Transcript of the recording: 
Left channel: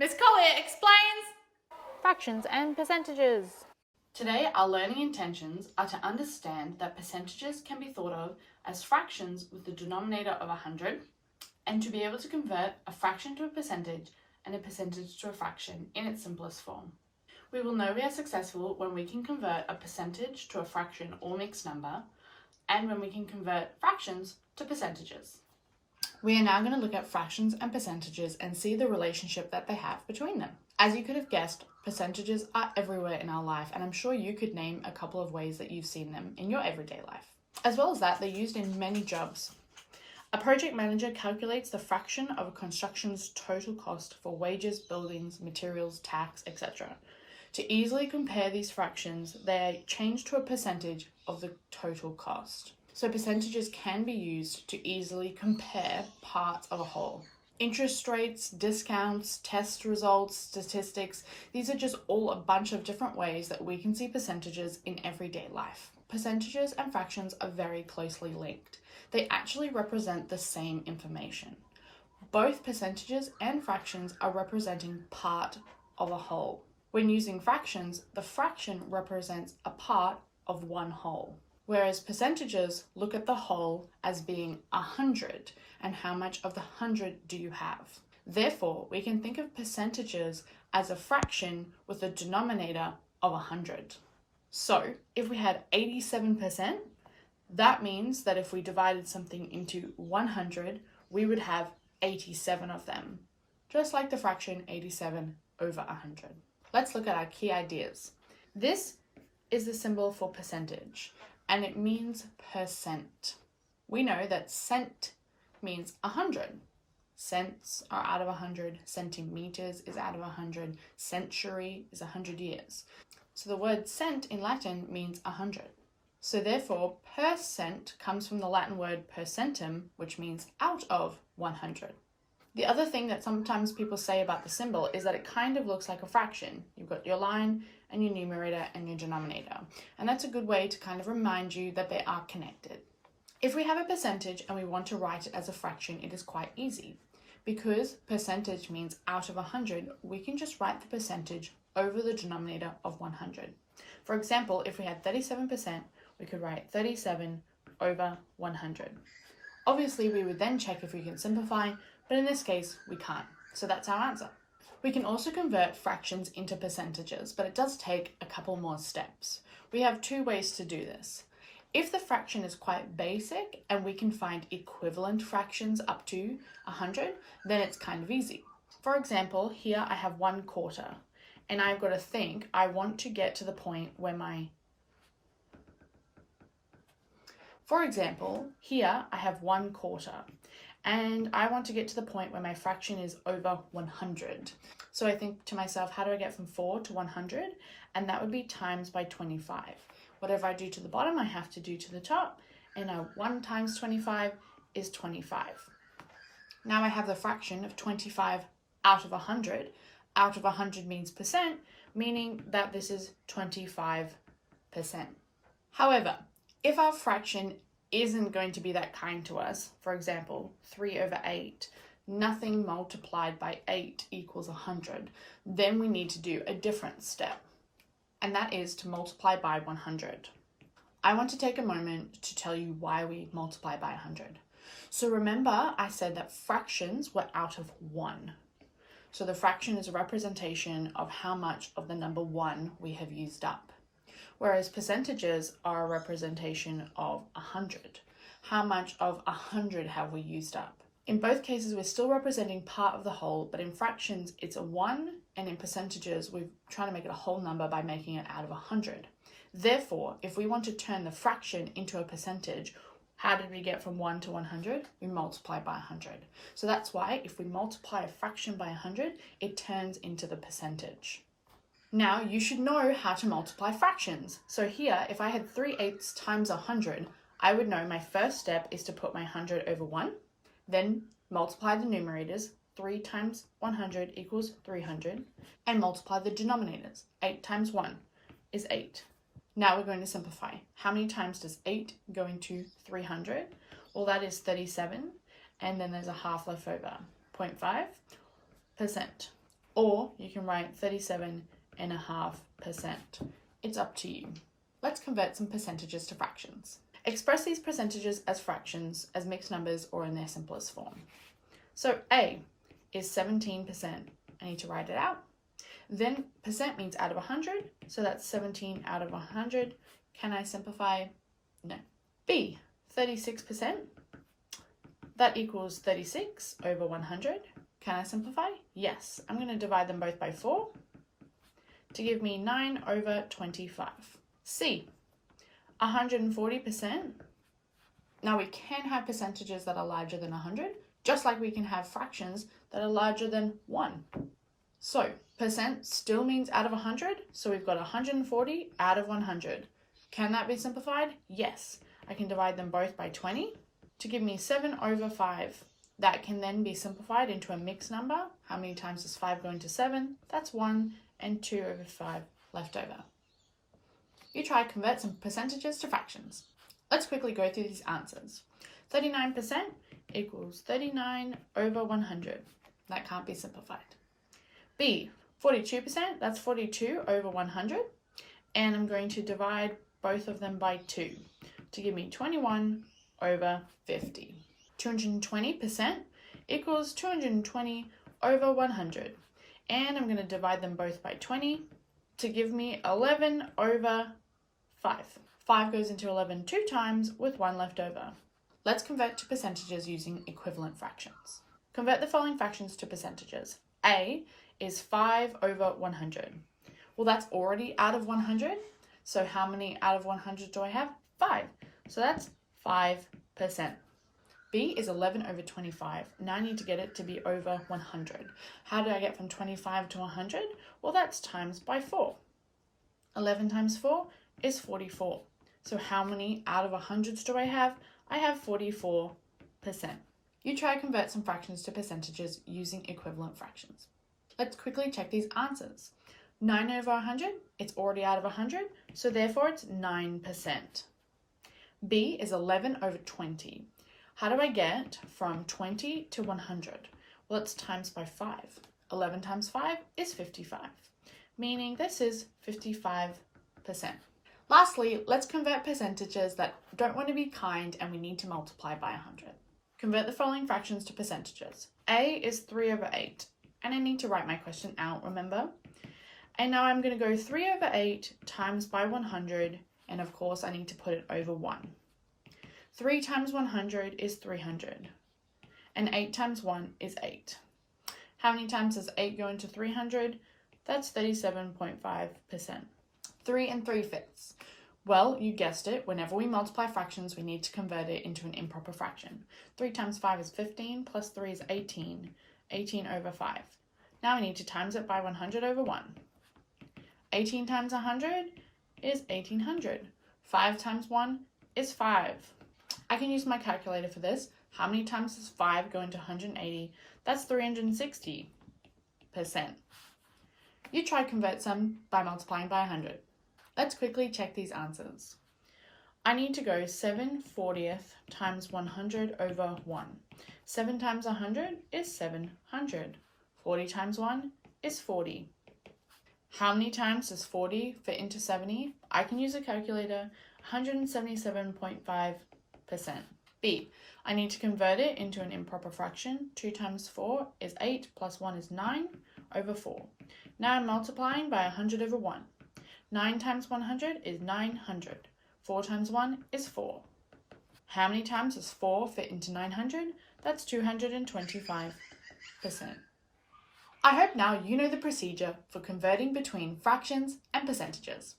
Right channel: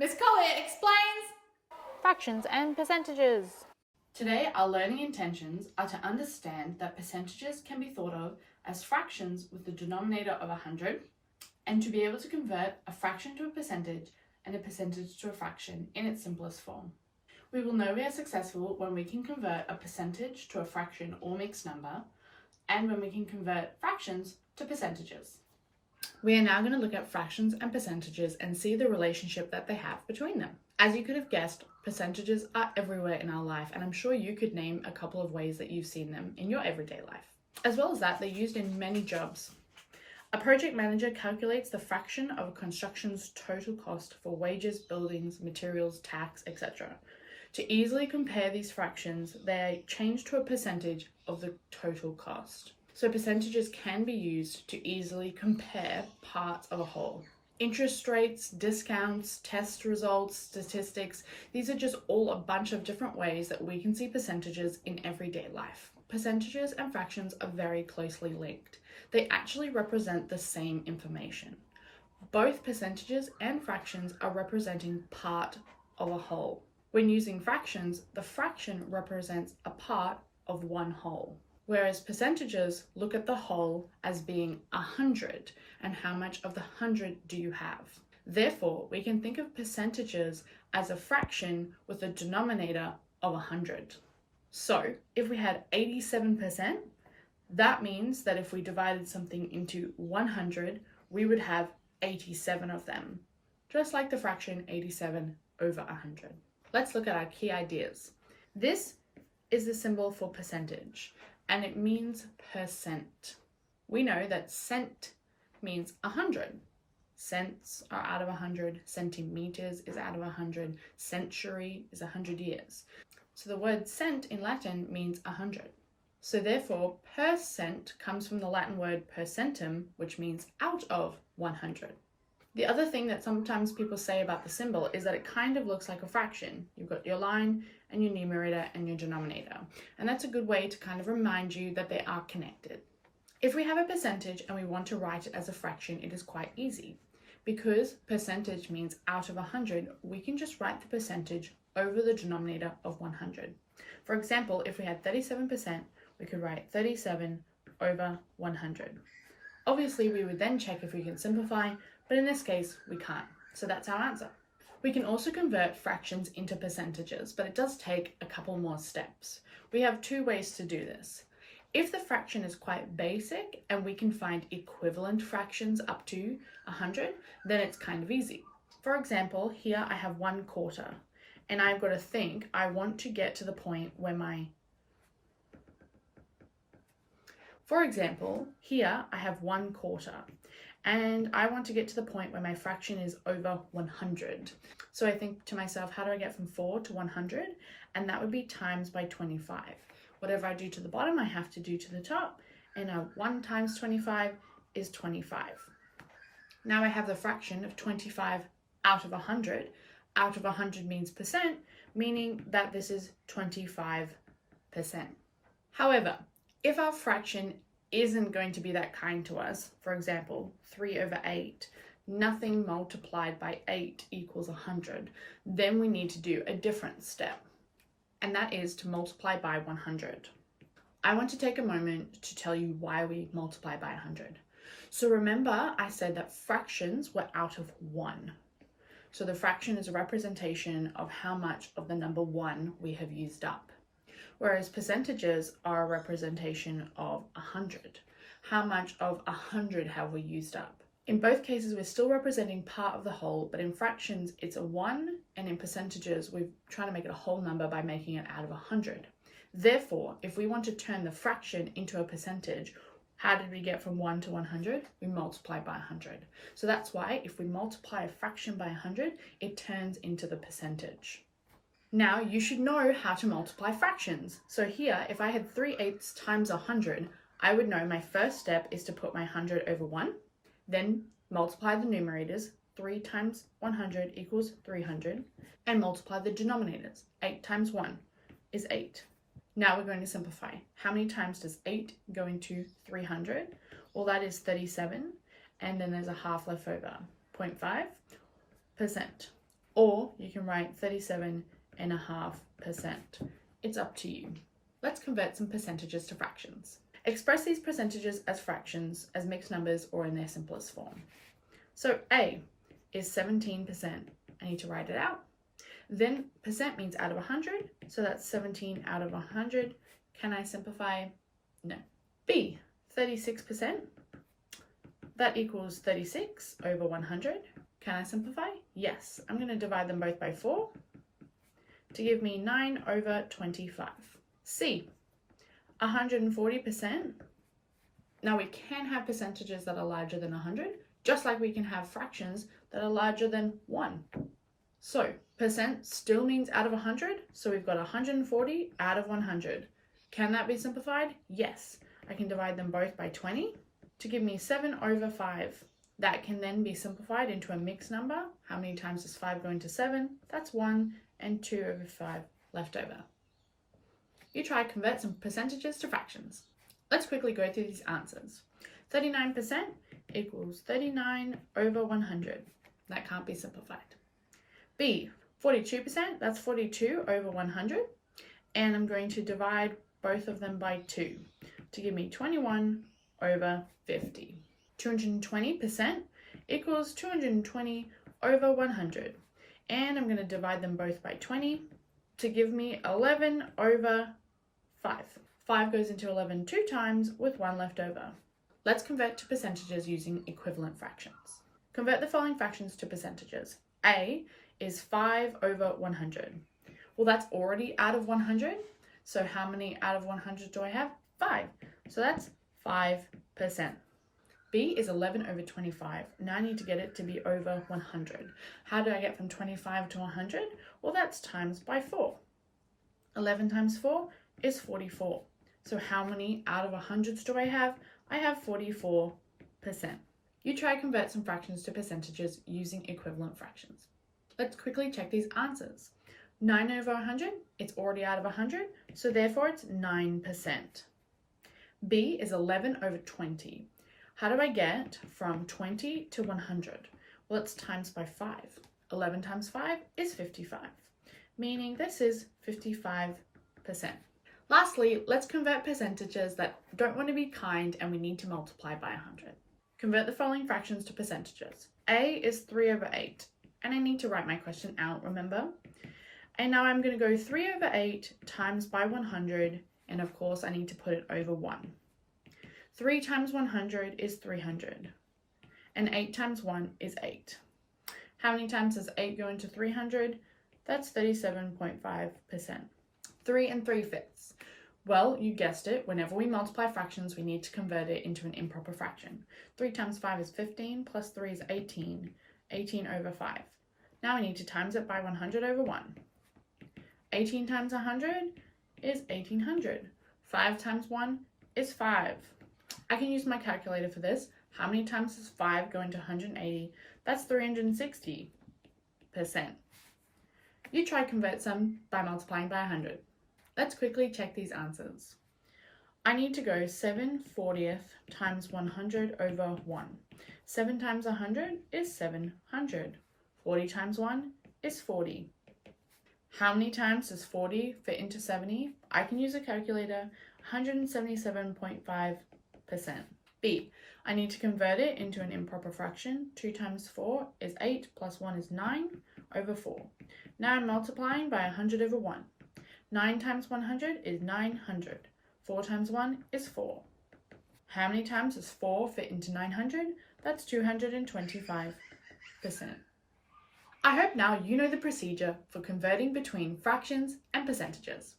Miss Collier explains Fractions and percentages. Today, our learning intentions are to understand that percentages can be thought of as fractions with the denominator of 100, and to be able to convert a fraction to a percentage and a percentage to a fraction in its simplest form. We will know we are successful when we can convert a percentage to a fraction or mixed number, and when we can convert fractions to percentages. We are now going to look at fractions and percentages and see the relationship that they have between them. As you could have guessed, percentages are everywhere in our life, and I'm sure you could name a couple of ways that you've seen them in your everyday life. As well as that, they're used in many jobs. A project manager calculates the fraction of a construction's total cost for wages, buildings, materials, tax, etc. To easily compare these fractions, they are changed to a percentage of the total cost. So percentages can be used to easily compare parts of a whole. Interest rates, discounts, test results, statistics, these are just all a bunch of different ways that we can see percentages in everyday life. Percentages and fractions are very closely linked. They actually represent the same information. Both percentages and fractions are representing part of a whole. When using fractions, the fraction represents a part of one whole, whereas percentages look at the whole as being 100 and how much of the 100 do you have. Therefore, we can think of percentages as a fraction with a denominator of 100. So if we had 87%, that means that if we divided something into 100, we would have 87 of them, just like the fraction 87 over 100. Let's look at our key ideas. This is the symbol for percentage, and it means percent. We know that cent means 100. Cents are out of 100, centimeters is out of 100, century is 100 years. So the word cent in Latin means 100. So therefore, per cent comes from the Latin word percentum, which means out of 100. The other thing that sometimes people say about the symbol is that it kind of looks like a fraction. You've got your line and your numerator and your denominator. And that's a good way to kind of remind you that they are connected. If we have a percentage and we want to write it as a fraction, it is quite easy. Because percentage means out of 100, we can just write the percentage over the denominator of 100. For example, if we had 37%, we could write 37 over 100. Obviously, we would then check if we can simplify, but in this case, we can't. So that's our answer. We can also convert fractions into percentages, but it does take a couple more steps. We have two ways to do this. If the fraction is quite basic and we can find equivalent fractions up to 100, then it's kind of easy. For example, here I have 1/4, and I've got to think I want to get to the point where For example, here I have 1/4, and I want to get to the point where my fraction is over 100. So I think to myself, how do I get from 4 to 100? And that would be times by 25. Whatever I do to the bottom, I have to do to the top, and 1 times 25 is 25. Now I have the fraction of 25 out of 100. Out of 100 means percent, meaning that this is 25%. However, if our fraction isn't going to be that kind to us, for example, 3 over 8, nothing multiplied by 8 equals 100, then we need to do a different step, and that is to multiply by 100. I want to take a moment to tell you why we multiply by 100. So remember, I said that fractions were out of 1. So the fraction is a representation of how much of the number 1 we have used up. Whereas percentages are a representation of 100. How much of 100 have we used up? In both cases, we're still representing part of the whole, but in fractions, it's a 1, and in percentages, we're trying to make it a whole number by making it out of 100. Therefore, if we want to turn the fraction into a percentage, how did we get from 1 to 100? We multiply by 100. So that's why if we multiply a fraction by 100, it turns into the percentage. Now you should know how to multiply fractions. So here, if I had 3/8 times 100, I would know my first step is to put my 100 over 1, then multiply the numerators. 3 times 100 equals 300, and multiply the denominators. 8 times 1 is 8. Now we're going to simplify. How many times does 8 go into 300? Well, that is 37, and then there's a half left over, 0.5%. Or you can write 37.5%. It's up to you. Let's convert some percentages to fractions. Express these percentages as fractions, as mixed numbers, or in their simplest form. So A is 17%. I need to write it out. Then percent means out of 100, so that's 17 out of 100. Can I simplify? No. B, 36%. That equals 36 over 100. Can I simplify? Yes. I'm going to divide them both by 4 to give me 9 over 25. C, 140%. Now we can have percentages that are larger than 100, just like we can have fractions that are larger than 1. So percent still means out of 100, so we've got 140 out of 100. Can that be simplified? Yes. I can divide them both by 20 to give me 7 over 5. That can then be simplified into a mixed number. How many times does 5 go into 7? That's 1, and 2 over 5 left over. You try to convert some percentages to fractions. Let's quickly go through these answers. 39% equals 39 over 100. That can't be simplified. B, 42%, that's 42 over 100. And I'm going to divide both of them by 2 to give me 21 over 50. 220% equals 220 over 100. And I'm going to divide them both by 20 to give me 11 over 5. 5 goes into 11 2 times with 1 left over. Let's convert to percentages using equivalent fractions. Convert the following fractions to percentages. A is 5 over 100. Well, that's already out of 100. So how many out of 100 do I have? 5. So that's 5%. B is 11 over 25. Now I need to get it to be over 100. How do I get from 25 to 100? Well, that's times by 4. 11 times 4 is 44. So how many out of 100s do I have? I have 44%. You try to convert some fractions to percentages using equivalent fractions. Let's quickly check these answers. 9 over 100, it's already out of 100, so therefore it's 9%. B is 11 over 20. How do I get from 20 to 100? Well, it's times by 5. 11 times 5 is 55, meaning this is 55%. Lastly, let's convert percentages that don't want to be kind and we need to multiply by 100. Convert the following fractions to percentages. A is 3 over 8, and I need to write my question out, remember? And now I'm going to go 3 over 8 times by 100, and of course I need to put it over 1. 3 times 100 is 300, and 8 times 1 is 8. How many times does 8 go into 300? That's 37.5%. 3 3/5. Well, you guessed it, whenever we multiply fractions, we need to convert it into an improper fraction. 3 times 5 is 15, plus 3 is 18, 18 over 5. Now I need to times it by 100 over 1. 18 times 100 is 1800. 5 times 1 is 5. I can use my calculator for this. How many times does 5 go into 180? That's 360%. You try to convert some by multiplying by 100. Let's quickly check these answers. I need to go 7/40 times 100 over 1. 7 times 100 is 700. 40 times 1 is 40. How many times does 40 fit into 70? I can use a calculator. 177.5%. B, I need to convert it into an improper fraction. 2 times 4 is 8, plus 1 is 9 over 4. Now I'm multiplying by 100 over 1. 9 times 100 is 900. 4 times 1 is 4. How many times does 4 fit into 900? That's 225%. I hope now you know the procedure for converting between fractions and percentages.